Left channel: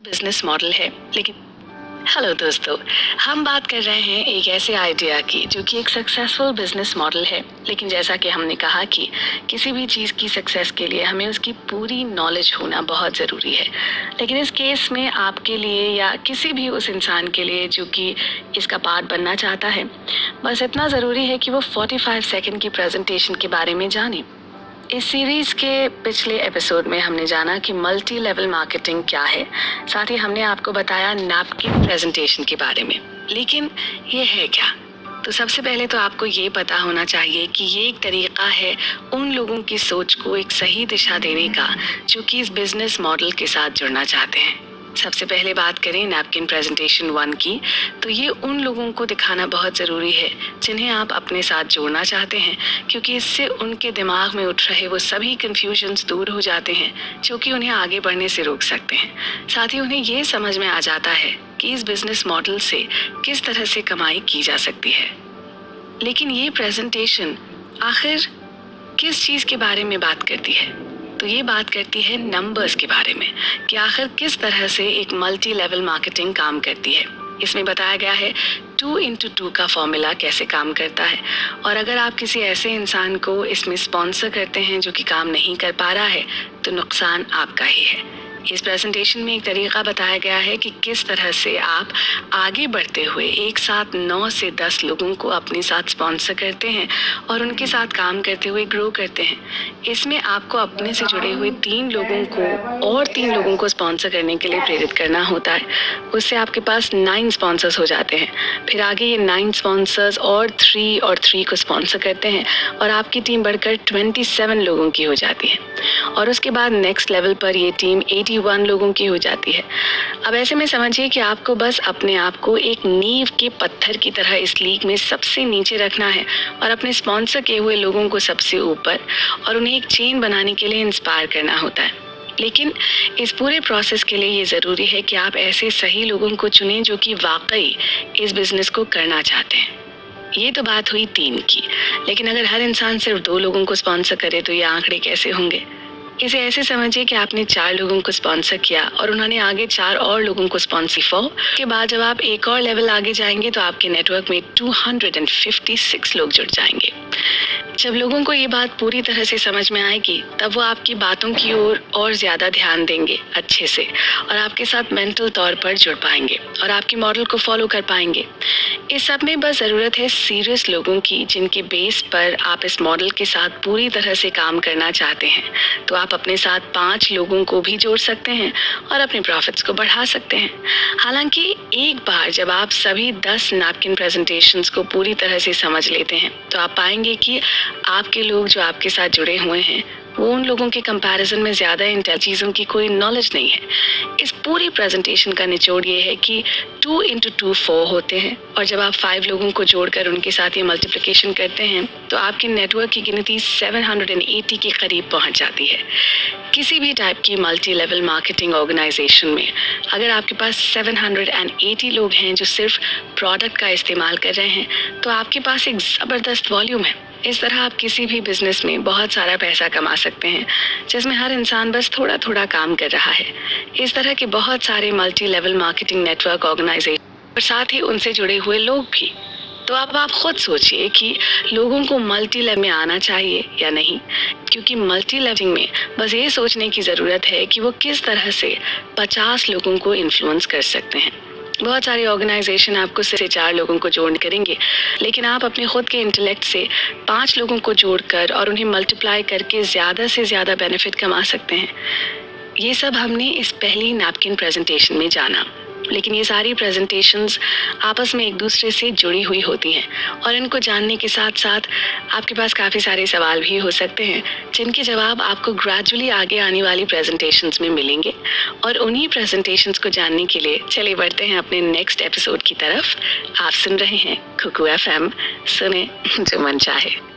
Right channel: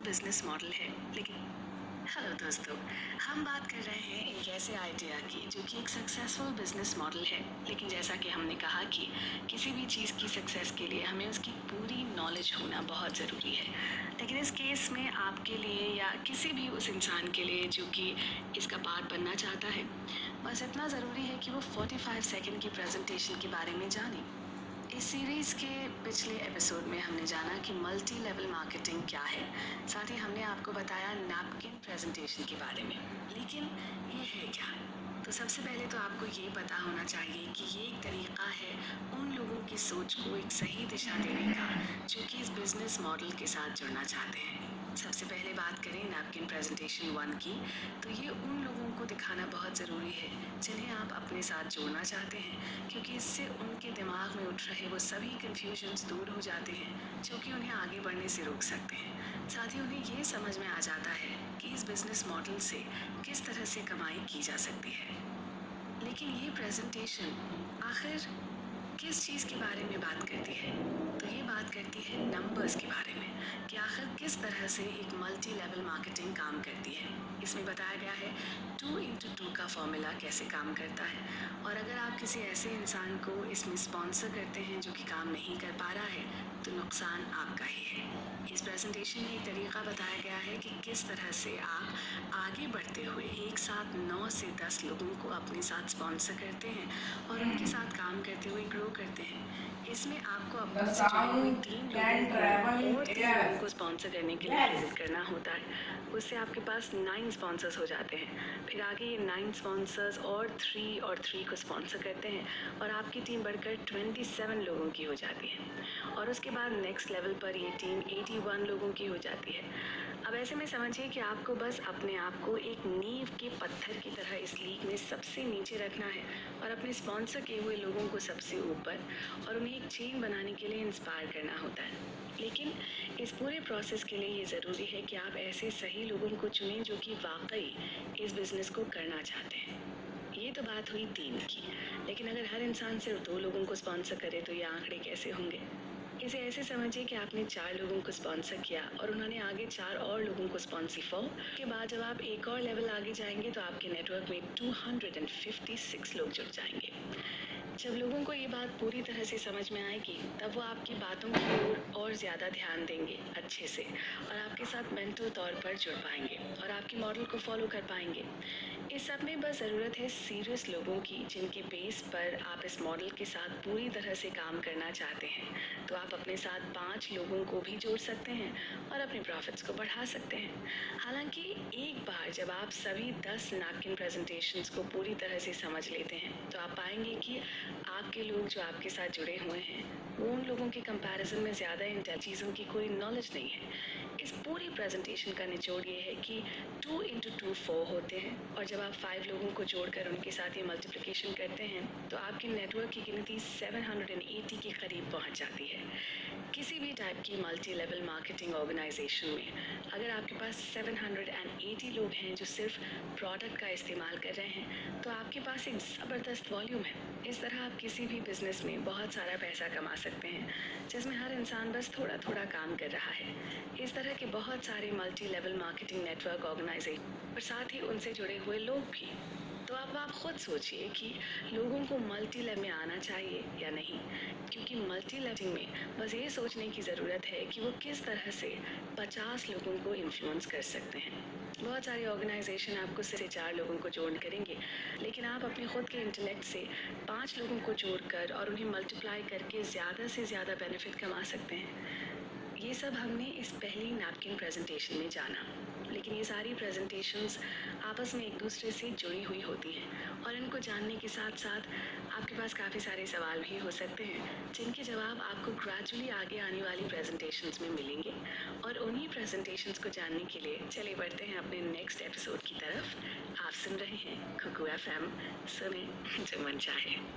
Business model है। लेकिन hello दोस्तों, हम बात कर रहे हैं एक ऐसे आइडिया की जो कि एक सक्सेसफुल बिजनेस मॉडल है। लेकिन जैसा कि हमने कहा कि किसी भी चीज़ की सक्सेस के लिए हमें उसकी पूरी नॉलेज होना बहुत ज़रूरी है। लेकिन इस केस में आपके लिए या किसी भी उस इंसान के लिए जो कि इसका पार्ट बनना चाहता है, बस इतना ज़रूरी है कि वो 45 सेकंड की प्रेजेंटेशन के बारे में जाने। इस सीरीज के पिछले एपिसोड में हमने जाना कि मल्टी लेवल मार्केटिंग क्या है। साथ ही हमने आपको बताया नैपकिन प्रेजेंटेशन के बारे में। लेकिन ये है क्या? तो सबसे पहले तो आपको ये पता होना चाहिए कि ये एक तरीका है उन लोगों की सोच को एक सही दिशा देने का जो कि इस बिजनेस मॉडल के साथ जुड़ना चाहते हैं। सबसे पहले बात करें नैपकिन प्रेजेंटेशन 1 की, तो ये उन लोगों को दिखाना बहुत ज़रूरी है जिन्हें आप अपने साथ जोड़ना चाहते हैं, क्योंकि इससे उनके दिमाग में उठ रहे वो सभी कन्फ्यूजन्स दूर हो जाते हैं जो कि उन्हें आगे बढ़ने से रोक सकते हैं। साथ ही उन्हें ये समझ में आ जाता है कि इस बिजनेस मॉडल से किस तरह से कमाई की जा सकती है। लेकिन ये प्रेजेंटेशन आखिर किस चीज़ के बारे में बात करती है? तो ये बात करती है नंबर्स के बारे में कि आखिर किस तरह से एक मल्टी लेवल मार्केटिंग काम करती है। इसमें बताया गया है 2x2 का फॉर्मूला कैसे काम करता है। और अगर आप किसी ऐसे इंसान को इसमें स्पॉन्सर करते हैं जो कि काम नहीं कर पा रहा है, तो नुकसान आपका ही है। इस प्रेजेंटेशन में एक तरीका बताया गया है कि किस तरह से आप आगे बढ़ते हुए एक साथ 9 से 10 लोगों को अपने साथ स्पॉन्सर करते हैं और उनके साथ काम करते हुए ग्रो करते हैं। इसमें आपको अपने से जुड़े हुए 3 लोगों को और 3 लोगों को स्पॉन्सर करने के लिए प्रेरित करना होता है। उससे आपके पास 9 स्पॉन्सर्स हो जाते हैं। फिर आगे ये 9 स्पॉन्सर्स और 3 को स्पॉन्सर करते हैं और आपकी टीम बढ़कर 27 लोगों की हो जाती है। और उसके बाद नेक्स्ट लेवल पर ये टीम 81 लोगों की हो जाती है। अब ऐसे में समझिए कि आपको बस अपने आप को एक नींव के पत्थर की तरह इस लीग में सबसे नीचे रखना है और अपने स्पॉन्सर किए हुए लोगों को सबसे ऊपर, और उन्हें एक चेन बनाने के लिए इंस्पायर करना होता है। लेकिन इस पूरे प्रोसेस के लिए ये ज़रूरी है कि आप ऐसे सही लोगों को चुनें जो कि वाकई इस बिज़नेस को करना चाहते हैं। ये तो बात हुई 3 की। लेकिन अगर हर इंसान सिर्फ 2 लोगों को स्पॉन्सर करे तो ये आंकड़े कैसे होंगे? इसे ऐसे समझिए कि आपने 4 लोगों को स्पॉन्सर किया और उन्होंने आगे 4 और लोगों को स्पॉन्सर किया। के बाद जब आप एक और लेवल आगे जाएंगे तो आपके नेटवर्क में 256 लोग जुड़ जाएंगे। जब लोगों को ये बात पूरी तरह से समझ में आएगी, तब वो आपकी बातों की ओर और ज़्यादा ध्यान देंगे अच्छे से, और आपके साथ मेंटल तौर पर जुड़ पाएंगे और आपके मॉडल को फॉलो कर पाएंगे। इस सब में बस ज़रूरत है सीरियस लोगों की, जिनके बेस पर आप इस मॉडल के साथ पूरी तरह से काम करना चाहते हैं। तो आप अपने साथ 5 लोगों को भी जोड़ सकते हैं और अपने प्रॉफिट्स को बढ़ा सकते हैं। हालांकि एक बार जब आप सभी 10 नैपकिन प्रेजेंटेशंस को पूरी तरह से समझ लेते हैं, तो आप पाएंगे कि आपके लोग जो आपके साथ जुड़े हुए हैं वो उन लोगों के कंपैरिजन में ज़्यादा इन चीज़ों की कोई नॉलेज नहीं है। इस पूरी प्रेजेंटेशन का निचोड़ ये है कि 2x2 4 होते हैं, और जब आप 5 लोगों को जोड़कर उनके साथ ये मल्टीप्लिकेशन करते हैं तो आपकी नेटवर्क की गिनती 780 के करीब पहुंच जाती है। किसी भी टाइप की मल्टी लेवल मार्केटिंग ऑर्गेनाइजेशन में अगर आपके पास 780 लोग हैं जो सिर्फ प्रोडक्ट का इस्तेमाल कर रहे हैं, तो आपके पास एक ज़बरदस्त वॉल्यूम है। इस तरह आप किसी भी बिजनेस में बहुत सारा पैसा कमा सकते हैं, जिसमें हर इंसान बस थोड़ा थोड़ा काम कर रहा है। इस तरह के बहुत सारे multi level marketing network organisation और साथ ही उनसे जुड़े हुए लोग भी। तो अब आप खुद सोचिए कि लोगों को मल्टी लेवल में आना चाहिए या नहीं, क्योंकि मल्टी लेवलिंग में बस ये सोचने की ज़रूरत है कि वो किस तरह से 50 लोगों को इन्फ्लुएंस कर सकते हैं। बहुत सारे ऑर्गेनाइजेशन आपको सिर्फ 4 लोगों को जोड़ करेंगे, लेकिन आप अपने खुद के इंटेलेक्ट से 5 लोगों को जोड़कर और उन्हें मल्टीप्लाई करके ज़्यादा से ज़्यादा बेनिफिट कमा सकते हैं। ये सब हमने इस पहली नैपकिन प्रेजेंटेशन में जाना। लेकिन ये सारी प्रेजेंटेशंस आपस में एक दूसरे से जुड़ी हुई होती हैं, और इनको जानने के साथ साथ आपके पास काफ़ी सारे सवाल भी हो सकते हैं जिनके जवाब आपको ग्रेजुअली आगे आने वाली प्रेजेंटेशंस में मिलेंगे। और उन्हीं प्रेजेंटेशंस को जानने के लिए चले बढ़ते हैं अपने नेक्स्ट एपिसोड की तरफ। आप सुन रहे हैं कुकू FM, सुने जो मन चाहे।